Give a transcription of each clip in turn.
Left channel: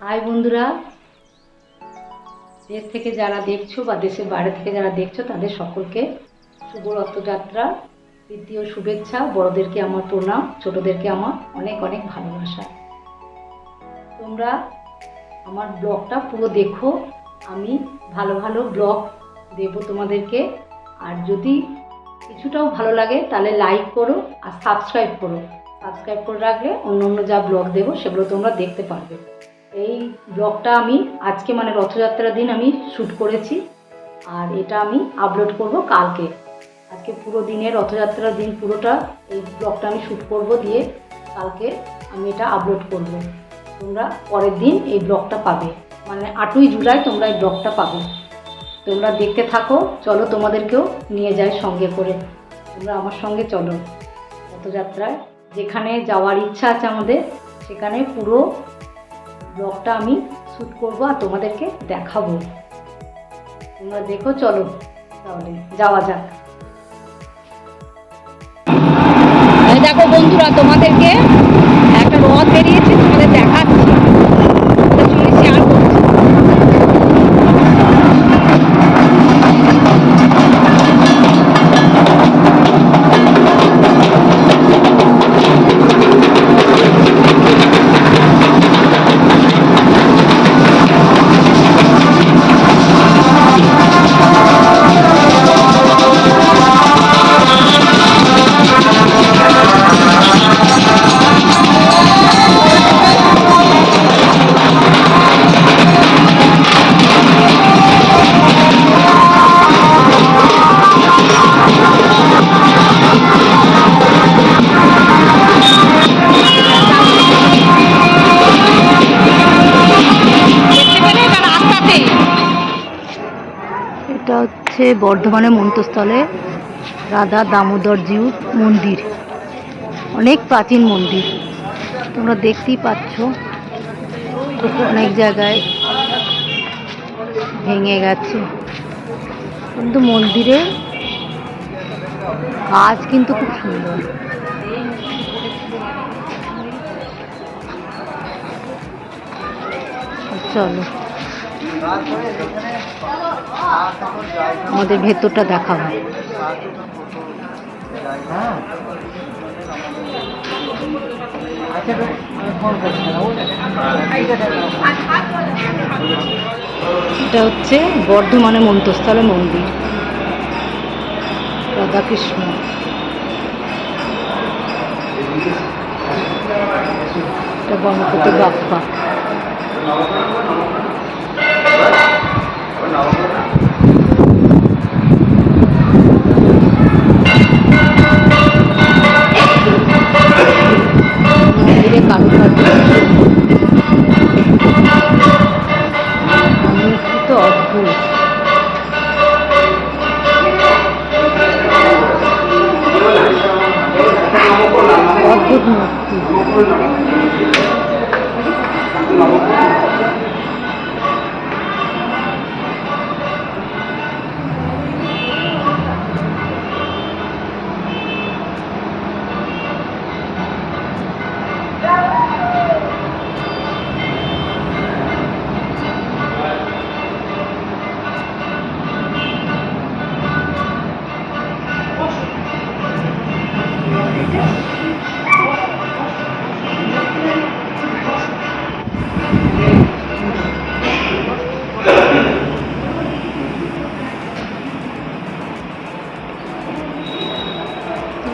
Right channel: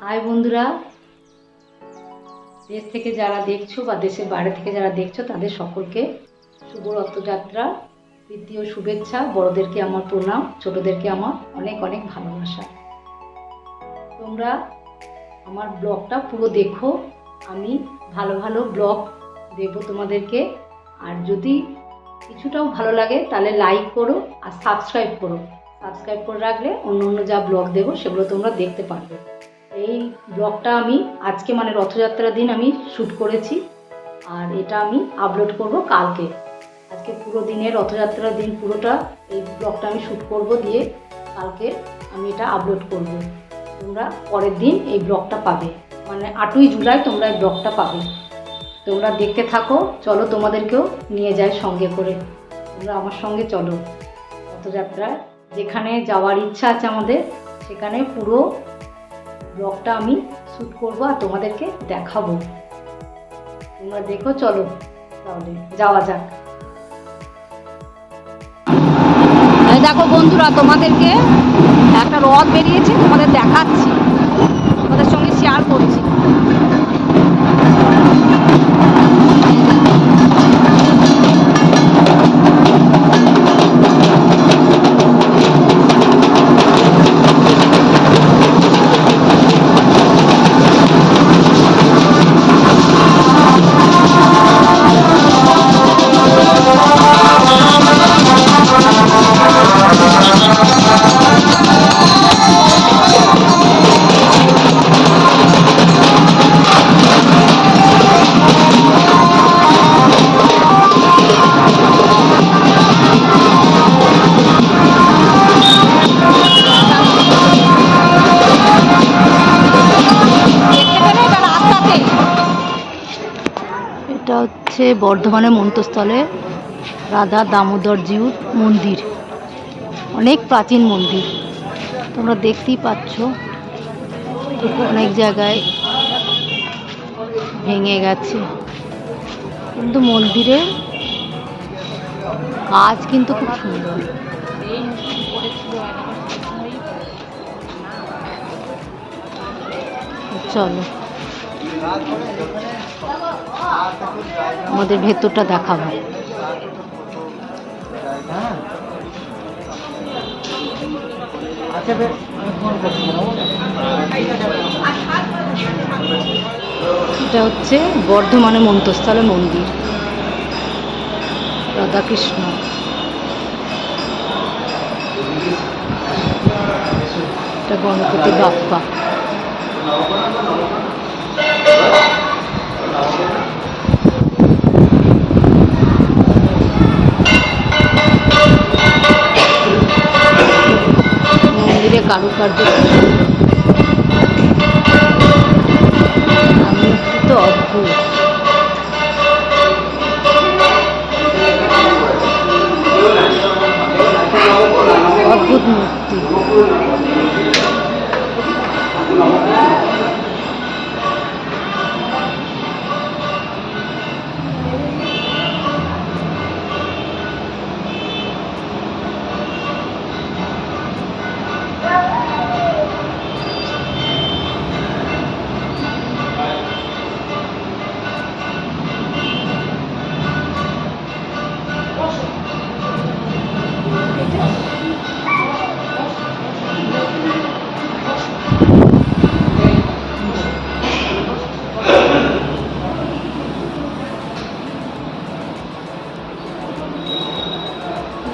High বন্ধুরা। দেশ থেকে যারা দেখছ বা দেশের বাইরে থেকে যারা দেখছ, তাদের সকলকে শুভ রথযাত্রা তৃতীয় শুভেচ্ছা। বড়দেরকে আমার প্রণাম, ছোটদেরকে আমার অনেক অনেক ভালোবাসা। তোমরা আমার ব্লগটা পুরো দেখো, আমি ভালো ভালো ব্লগ দেব তোমাদেরকে। আর যদি কিছুটাও ভালো লাগে, তাহলে লাইক করো আর সাবস্ক্রাইব করো। সাবস্ক্রাইব করে রাখলে অন্য অন্য যা ব্লগ দেবো, সেগুলো তোমরা দেখতে পারবে। এই ব্লগটা আমি আজকে মানে রথযাত্রার দিন আমি শ্যুট করেছি। আর এটা আমি আপলোড করব কালকে। আজকে পুরো দিনে রথযাত্রার দিন পুরোটা এই ব্লগটা আমি শ্যুট করব দিয়ে কালকে আমি এটা আপলোড করব। তোমরা পরের দিন এই ব্লগটা পাবে। মানে আটই জুলাই তোমরা এই ব্লগটা পাবে। তোমরা দেখতে থাকো, চলো তোমাদেরকেও নিয়ে যাই সঙ্গে করে। তোমরা আমার সঙ্গে চলো। রথযাত্রায় যেখানে যাওয়ার ইচ্ছা আছে আমাদের, সেখানে পুরো ব্লগটা আমি শ্যুট করব আর তোমাদেরকে দেখাবো। তোমরা দেখো, চলো তাহলে যাওয়া যাক। দেখো বন্ধুরা, তোমাদেরকে একটা রথ বেরিয়েছে, তোমাদের দেখাচ্ছি। এটা হচ্ছে বর্ধমানের মন্তস্থলে রাধা দামোদর জিউর মন্দির। অনেক প্রাচীন মন্দির। তোমরা দেখতেই পাচ্ছ। অনেক জায়গায় ভেঙে গেছে। কিন্তু মন্দিরে কাজ কিন্তু খুব সুন্দর। চলো। আমাদের ভেতরটা দেখাবো এটা হচ্ছে বর্ধমানের মন্তস্থলে মন্দির। রাধাকৃষ্ণ। এটা গণপতি বাপ্পা। মন্দিরে কারুকার্য মূর্তি তো অদ্ভুত। অদ্ভুত মূর্তি।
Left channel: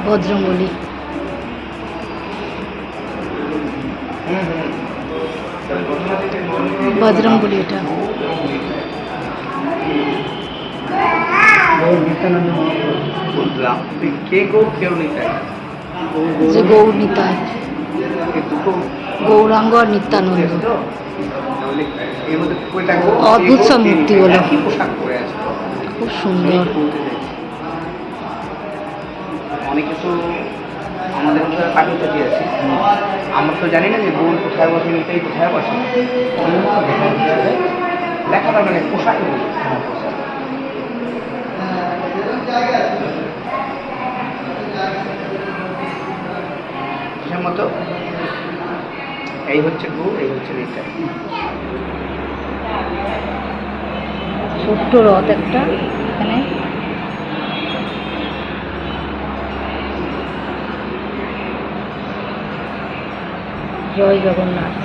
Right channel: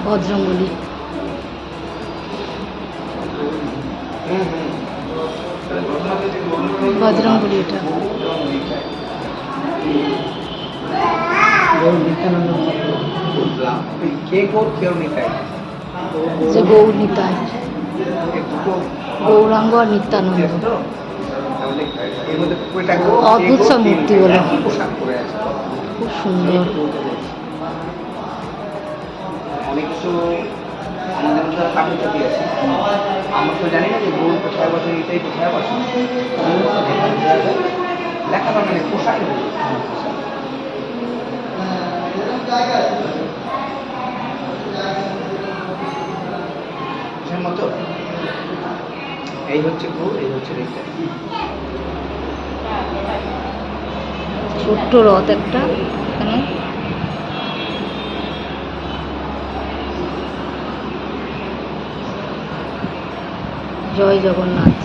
বজরঙ্গলি বজরঙ্গলি এটা। যে গৌর নিতাই। গৌরাঙ্গ আর নিত্যানন্দ। অদ্ভুত সব মূর্তিগুলো। খুব সুন্দর। অনেক কিছু আমাদের মধ্যে কাপড় চাটি আছে। আমরা তো জানি না যে বউ পোশাক বসে নিতে পোশাক বসে লেখা মানে পোশাক মতো এই হচ্ছে বউ, এই হচ্ছে রেটা ছোট্ট রথ একটা, এখানে জয় জগন্নাথ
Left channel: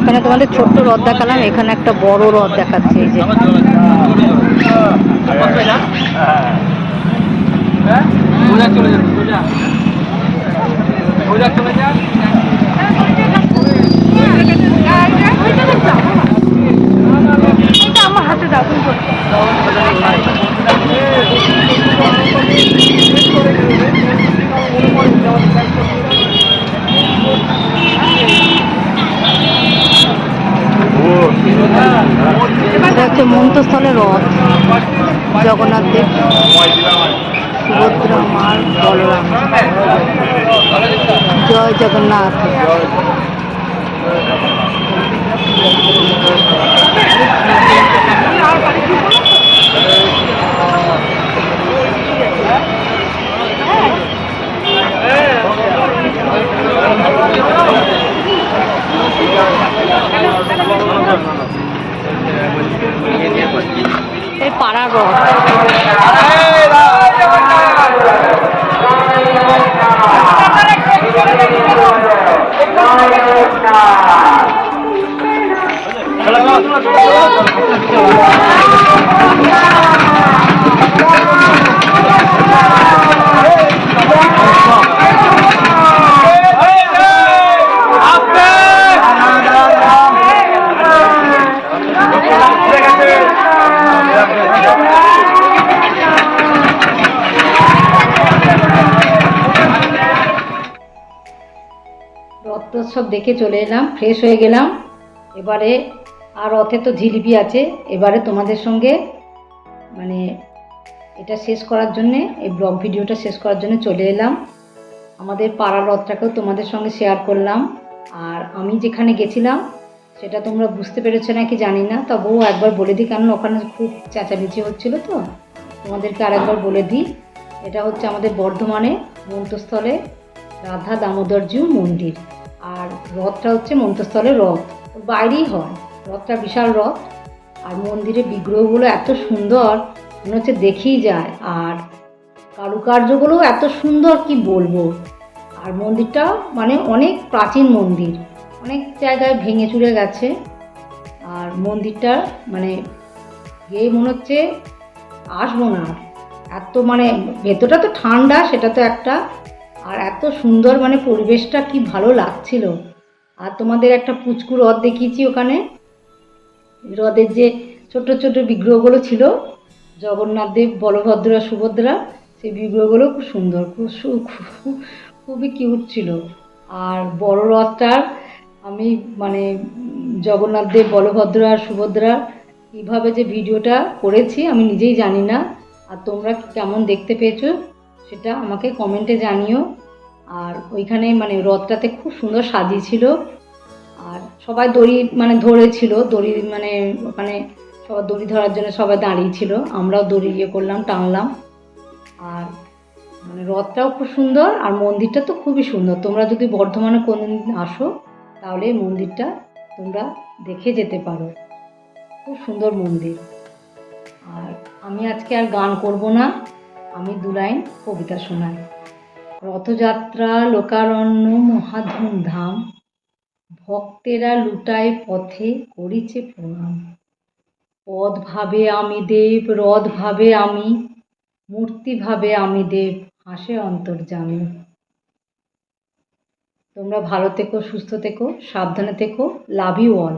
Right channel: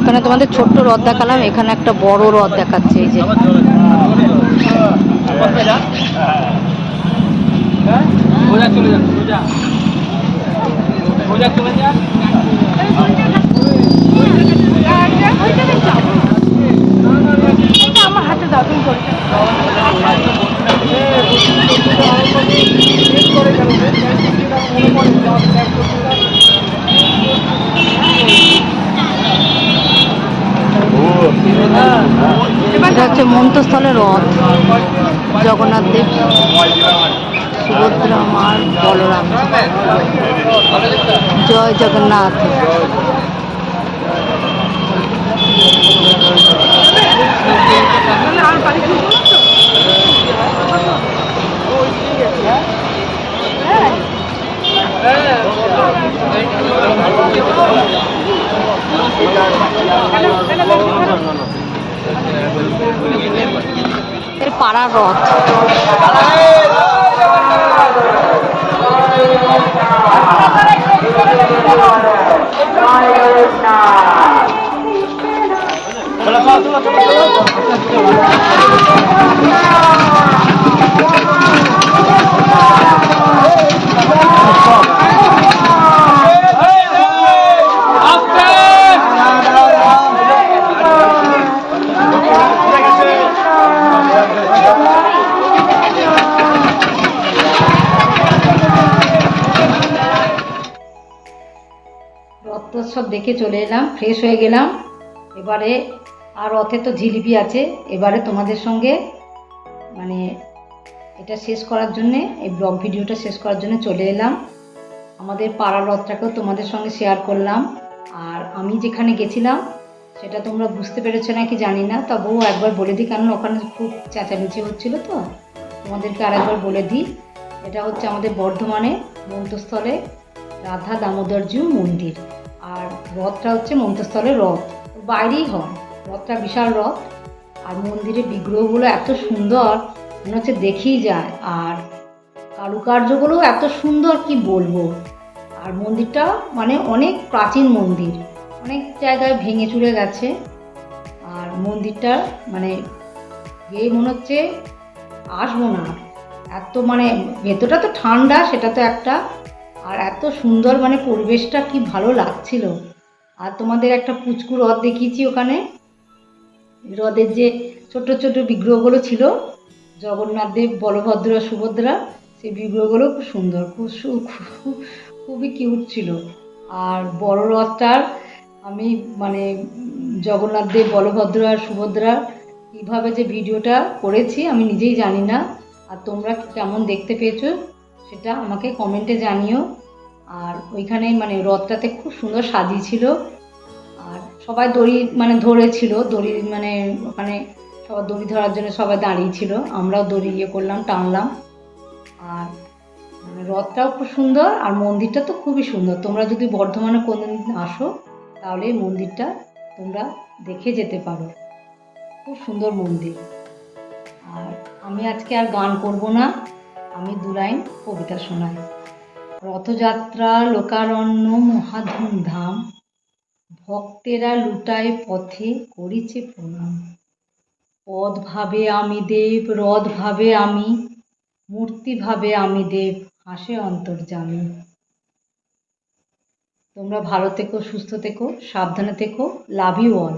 এখানে তোমাদের ছোট্ট রথ দেখালাম এখানে একটা বড় রথ দেখাচ্ছে এই যে চলে মন্ত্রস্থলের রথ জগন্নাথ দেব সুভদ্রা মার বলরাম। জয় জগন্নাথ। এর পাড়ার রথ। রথোৎসব দেখে চলে এলাম ফ্রেশ হয়ে গেলাম। এবারে আর রথে তো জিলিপি আছে, এবারে তোমাদের সঙ্গে মানে এটা শেষ করার জন্যে, এই ব্লগ ভিডিওটা শেষ করার জন্য চলে এলাম। আমাদের পাড়ার রথটাকেও তোমাদের সঙ্গে শেয়ার করলাম। আর আমি যেখানে গেছিলাম, সেটা তোমরা বুঝতে পেরেছ নাকি জানি না, তবুও একবার বলে দিই, কারণ ওখানে খুব চেঁচামেচি হচ্ছিল তো। তোমাদেরকে আর একবার বলে দিই, এটা হচ্ছে আমাদের বর্ধমানে মন্ত্রস্থলে রাধা দামোদরজিউ মন্দির। আর রথটা হচ্ছে মন্ত্রস্থলের রথ। বাইরেই হয়, রথটা বিশাল রথ। আর মন্দিরের বিগ্রহগুলো এত সুন্দর, মনে হচ্ছে দেখেই যায়। আর কারুকার্যগুলো এত সুন্দর, কি বলব? আর মন্দিরটা মানে অনেক প্রাচীন মন্দির, অনেক জায়গায় ভেঙে চুরে গেছে। আর মন্দিরটা মানে গিয়ে মনে হচ্ছে আসব না। এত মানে ভেতরটা তো ঠান্ডা, সেটা তো একটা আর এত সুন্দর মানে পরিবেশটা কি ভালো লাগছিল। আর তোমাদের একটা পুচকু হ্রদ দেখিয়েছি ওখানে। হ্রদের যে ছোট ছোট বিগ্রহগুলো ছিল, জগন্নাথ দেব, বলভদ্র, সুভদ্রা, সেই বিগ্রহগুলো খুব সুন্দর, খুব খুবই কিউট ছিল। আর বড় রথটার আমি মানে জগন্নাথ দেব, বলভদ্র আর সুভদ্রা কীভাবে যে ভিডিওটা করেছি, আমি নিজেই জানি না। আর তোমরা কেমন দেখতে পেয়েছ সেটা আমাকে কমেন্টে জানিও। আর ওইখানে মানে রথটাতে খুব সুন্দর সাজিয়েছিল। আর সবাই দড়ি মানে ধরেছিল, দড়ি মানে ওখানে সবাই দড়ি ধরার জন্য সবাই দাঁড়িয়েছিল আমরাও দড়ি ইয়ে করলাম, টানলাম। আর মানে রথটাও খুব সুন্দর, আর মন্দিরটা তো খুবই সুন্দর। তোমরা যদি বর্ধমানে কোনোদিন আসো, তাহলে এই মন্দিরটা তোমরা দেখে যেতে পারো। খুব সুন্দর মন্দির। আর আমি আজকে আর গান করব না। আমি দু লাইন কবিতা শোনাই। রথযাত্রা, লোকারণ্য, মহাধুমধাম, ভক্তেরা লুটায় পথে করিছে প্রণাম। পদ ভাবে আমি দেব রথ ভাবে আমি মূর্তি ভাবে আমি দেব, হাসে অন্তর্জামী তোমরা ভালো থেকো, সুস্থ থেকো, সাবধানে থেকো, লাভ ইউ অল।